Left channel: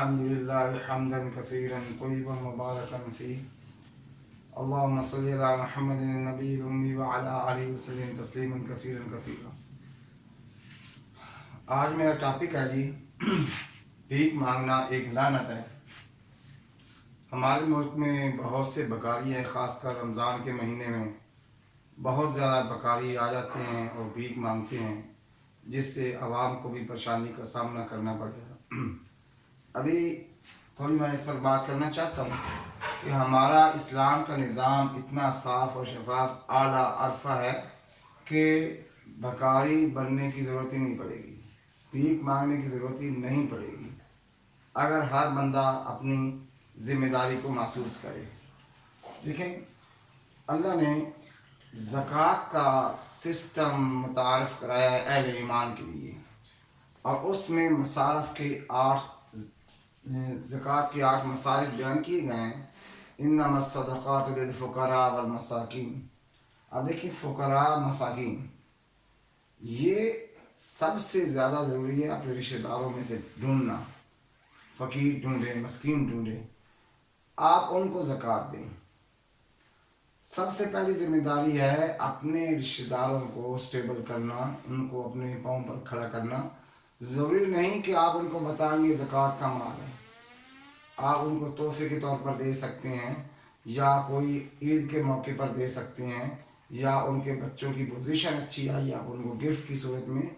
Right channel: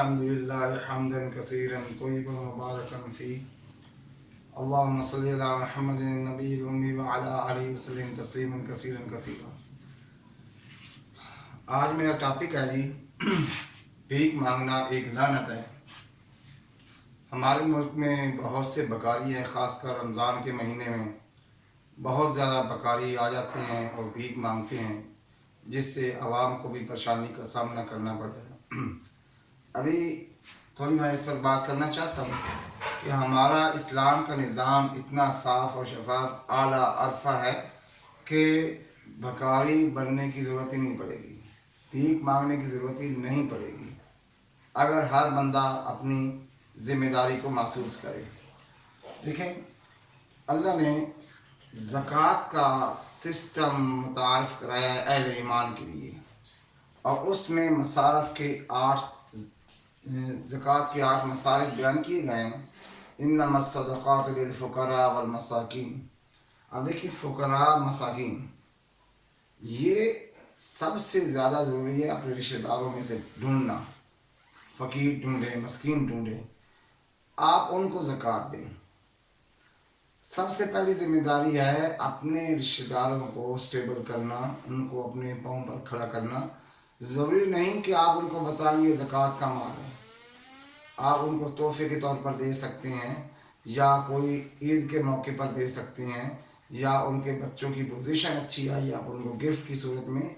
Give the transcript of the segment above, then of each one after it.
الحمدللہ حمدا کثیرا طیبا مبارکا فیہ اللہم صلی علی محمد النبی الامی وعلی آلہ وسلم تسلیما کثیرا کثیرا۔ آج میرا ٹاپک ہے جی بھیک مانگنا ایک لعنت ہے۔ ہمارے ملک میں بہت سے بکاری ہیں، خاص کر رمضان کے مہینے میں بہت زیادہ بکاری آ جاتے ہیں اور بھیک مانگتے ہیں، جس سے عوام کو بھی پریشانی کا سامنا کرنا پڑتا ہے۔ ابھی تھوڑی میں اس پر بات کرنا چاہتا ہوں کہ ہمارا اسلام کا نظام اتنا صاف اور شفاف اعلیٰ عرفہ ہے کہ بھکاری بننے کی ضرورت ہی نہیں پڑے گی، بھیک مانگنے کی ضرورت ہی نہیں پڑے گی، اگر ہر بندہ اپنی ذمہ داری کو محسوس کرے۔ دیکھیں، اللہ نے زکوٰۃ کا سسٹم متعارف کرایا ہے اہل ایمان کے لیے، اور اس میں مصارف کے زکوٰۃ کے 8 مصارف بیان کیے گئے ہیں۔ انما الصدقات للفقراء والمساکین۔ اب دیکھیں، فقراء مساکین یہ سب سے زیادہ ضروری ہے اپنے رشتہ داروں میں سے ڈھونڈنا، فقیر ڈھونڈیں، مسکین ڈھونڈیں، آپ ان کو زکوٰۃ دیں۔ سب سے پہلی ذمہ داری ہے اپنے رشتہ داروں کو اسٹیبل کرنا، ان کو اپنے پاؤں پر کھڑا کرنا۔ ضروری نہیں کہ آپ ان کو بتائیں یہ زکوٰۃ کا مال ہے، آپ ان کو تحفے کے طور پر دے سکتے ہیں، یا کوئی عید کے موقع پر دے سکتے ہیں، یا ان کے بچوں کی پوزیشن اچھی آئی آپ ان کو گفٹ کی صورت میں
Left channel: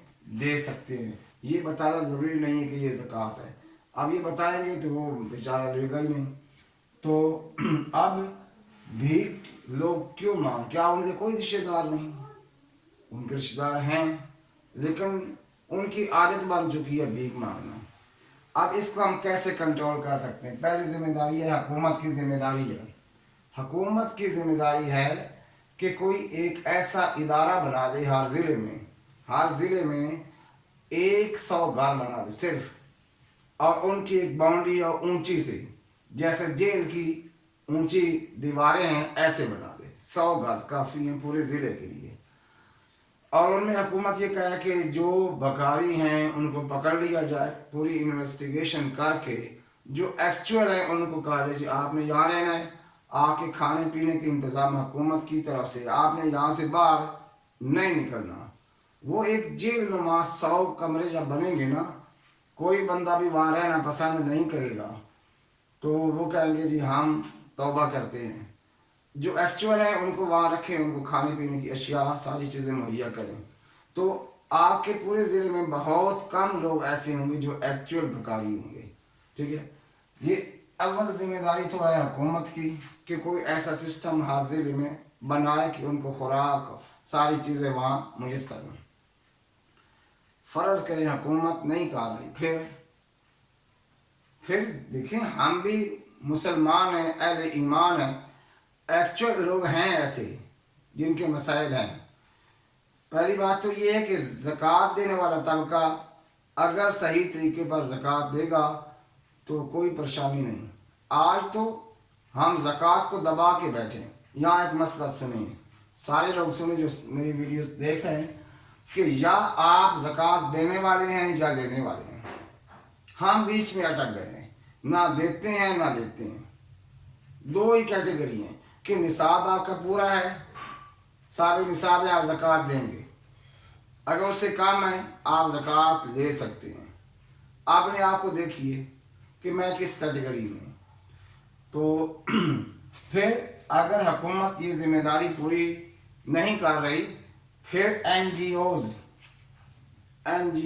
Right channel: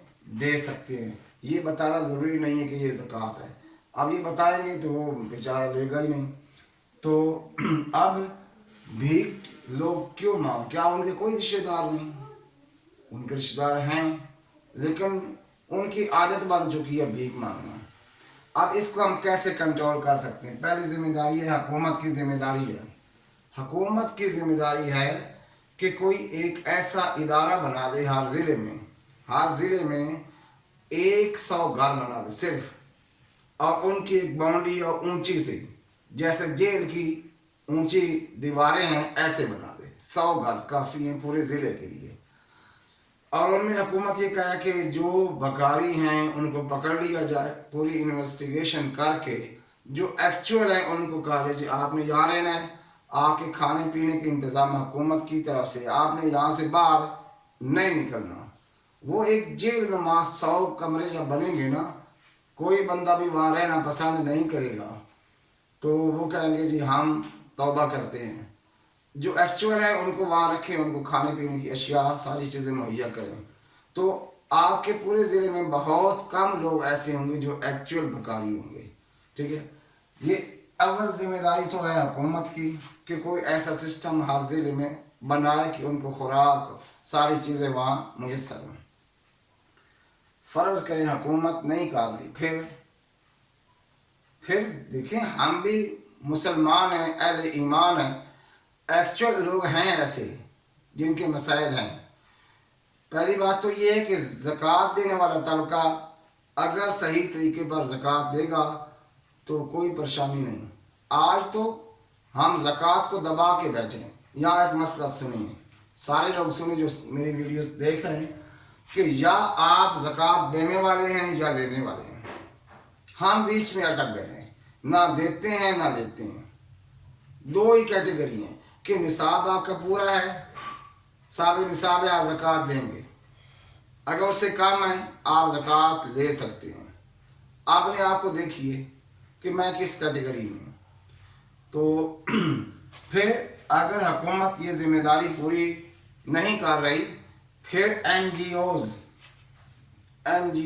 دے سکتے ہیں۔ یہ بتانا ضروری نہیں ہے کہ یہ زکوٰۃ ہے۔ اب یہ بتائیں گے تو وہ بیچارہ لے گا ہی نہیں۔ تو اب بھیک لوگ کیوں مانگ؟ کیا ان کے کوئی رشتہ دار نہیں؟ ان کے رشتہ دار ہیں، لیکن ان کی عادت بن چکی ہے بھیک مانگنا۔ اب اس کو ہم کیسے کنٹرول کر سکتے ہیں؟ پہلی ذمہ داری ہے حکومت کی ذمہ داری ہے۔ حکومت کی ذمہ داری ہے کہ کوئی ایک ایسا ادارہ بنا دے ہر ضلع میں 100 گھر بنا دے صرف، اور ان کی ایک باؤنڈری اور اونچی سے، جیسے جیل کی اونچی دیواریں ہیں ایسے بنا دے۔ 100 گھر کافی ہیں پورے ضلع کے لیے، اور ان میں حکومت یہ کہا کہ جو بکاری ہیں ان کو پکڑ لیا جائے، پوری انویسٹیگیشن کر کے جو ایکچوئل ہے ان کو کہا جائے جی آپ نے یہاں رہنا ہے، آپ کے کھانے پینے کے انتظام حکومت کی طرف سے، آپ نے یہاں سے باہر نہیں نکلنا۔ وہ ایک جیل نما 100 کمرے جب بنیں گے نا، کوئی بندہ بھی وہاں رہنا پسند نہیں کرے گا، تو وہ کہیں گے جی ہم توبہ کرتے ہیں۔ جو ایکچوئل ہیں ان کو وہاں رکھیں، ان کو کھانے پینے کی اشیاء ساری چیزیں مہیا کریں، تو آپ کے پورے ضلع میں بہت کم لوگ ایسے ہوں گے جو ایکچوئل بکاری ہوں گے۔ ٹھیک ہے، یہ اول ذمہ داری تو ہے حکومت کی کہ کوئی ایسا سسٹم ہر ضلع میں بنائے کہ ان کو خوراک ساری چیزیں وہاں میسر ہوں۔ فرض کریں حکومت نہیں کر رہی، پھر دیکھیں ہم بھی مسلمان ہیں، اہل ایمان ہیں، ایکچوئل لوگ ہیں ایسے جن کے مسائل ہیں۔ پہلی بات تو یہ ہے کہ زکوٰۃ دینے والا طبقہ اگر صحیح طریقے پر زکوٰۃ دے گا تو کوئی پریشانی نہیں۔ آج تو ہم زکوٰۃ کو دبا کے بیٹھے۔ یہاں ایک مسئلہ سنیے، سارے لوگ سنیں جو میری ویڈیوز دیکھ رہے ہیں، کہ یا آپ زکوٰۃ دینے والے ہیں یا لینے والے ہیں۔ ہم بیچ میں اٹک گئے ہیں، نہ دیتے ہیں نہ لیتے ہیں۔ دو ہی کیٹیگری ہیں کہ نصاب آپ کا پورا ہے، صاحب نصاب ہے، آپ زکوٰۃ دیں گے، اگر اس سے کم ہے آپ زکوٰۃ لے سکتے ہیں۔ اپنے آپ کو دیکھیے کہ میں کس کیٹیگری میں ہوں۔ تو پھر اگر حکومت یہ ذمہ داری پوری نہیں کر رہی، پھر این جی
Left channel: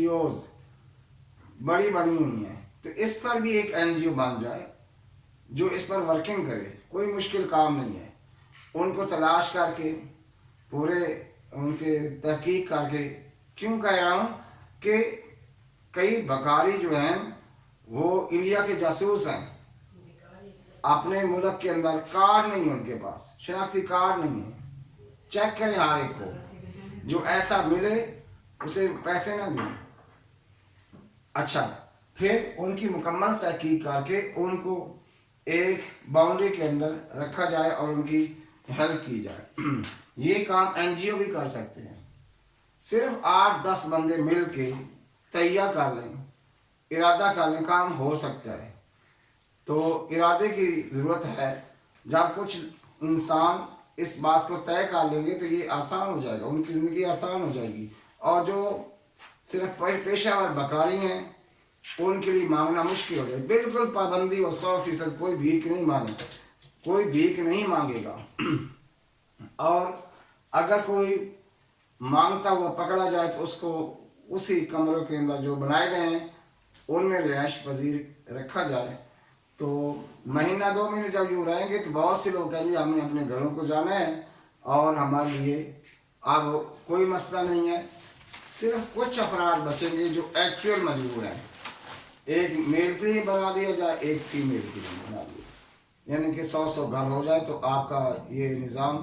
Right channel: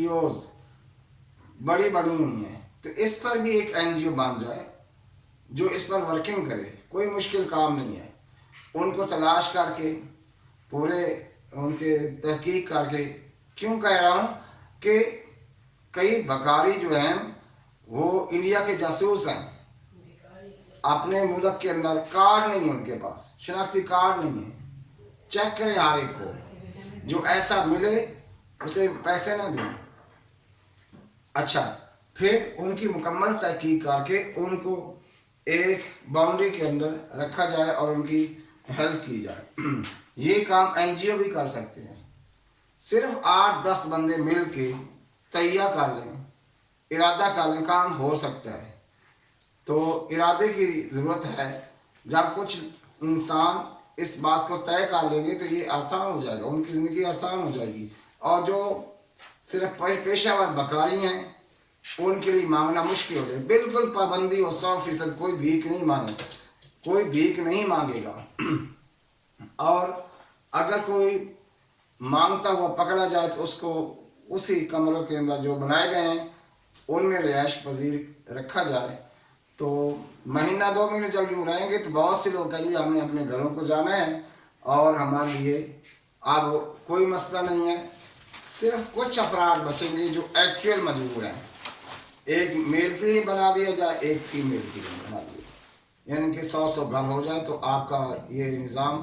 اوز بڑی بنی ہوئی ہیں، تو اس پر بھی ایک این جی او بن جائے جو اس پر ورکنگ کرے۔ کوئی مشکل کام نہیں ہے، ان کو تلاش کر کے پورے ان کے تحقیق کر کے۔ کیوں کہہ رہا ہوں کہ کئی بکاری جو ہیں وہ انڈیا کے جاسوس ہیں، اپنے ملک کے اندر کارڈ نہیں ہے، ان کے پاس شناختی کارڈ نہیں ہے۔ چیک کریں ہر ایک کو، جو ایسا ملے اسے پیسے نہ دیں۔ اچھا، پھر ان کی مکمل تحقیق کر کے ان کو ایک باؤنڈری کے اندر رکھا جائے اور ان کی ہیلپ کی جائے۔ یہ کام این جی او بھی کر سکتے ہیں۔ صرف 8-10 بندے مل کے تہیہ کر لیں، ارادہ کر لیں، کام ہو سکتا ہے۔ تو ارادے کی ضرورت ہے. جب کچھ انسان اس بات کو طے کر لیں گے تو یہ آسان ہو جائے گا, ان کی زندگی آسان ہو جائے گی. اور جو صرف پیشہ ور بکاری ہیں ان کے لیے مانگنا مشکل ہو جائے. بالکل پابندی ہو 100%, کوئی بھیک نہیں مانگے, کوئی بھیک نہیں مانگے گا. اور اگر کوئی مانگتا ہوا پکڑا جائے تو اس کو اسی کمروں کے اندر جو بنائے گئے ہیں ان میں رہائش پذیر رکھا جائے. تو مہینہ 2 مہینے جب یوں رہیں گے تو بہت سے لوگ کہیں گے ہم نے اپنے گھروں کو جانا ہے اور ہمارے لیے اب کوئی مسئلہ نہیں ہے. صرف کچھ افراد بچیں گے جو ایکچوئل مجبور ہیں. ایک میل کے لیے بنا دیا جائے, ایک فیمیل کے لیے بنا دیا, یعنی کہ 100 گھر ہو جائے تو آپ کا یہ نظام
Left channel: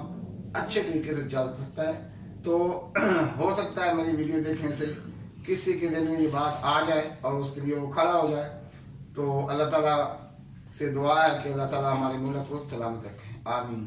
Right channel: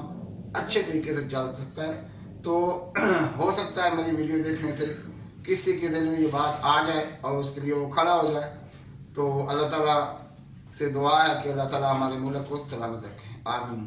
اچھے طریقے سے چل سکتا ہے. تو ہو سکتا ہے میری ویڈیو دیکھنے سے کسی کے دل میں یہ بات آ جائے اور اس کے لیے وہ کھڑا ہو جائے. تو اللہ تعالیٰ سے دعا ہے کہ اللہ تعالیٰ ہمارے ملک کو سلامت رکھے. آمین.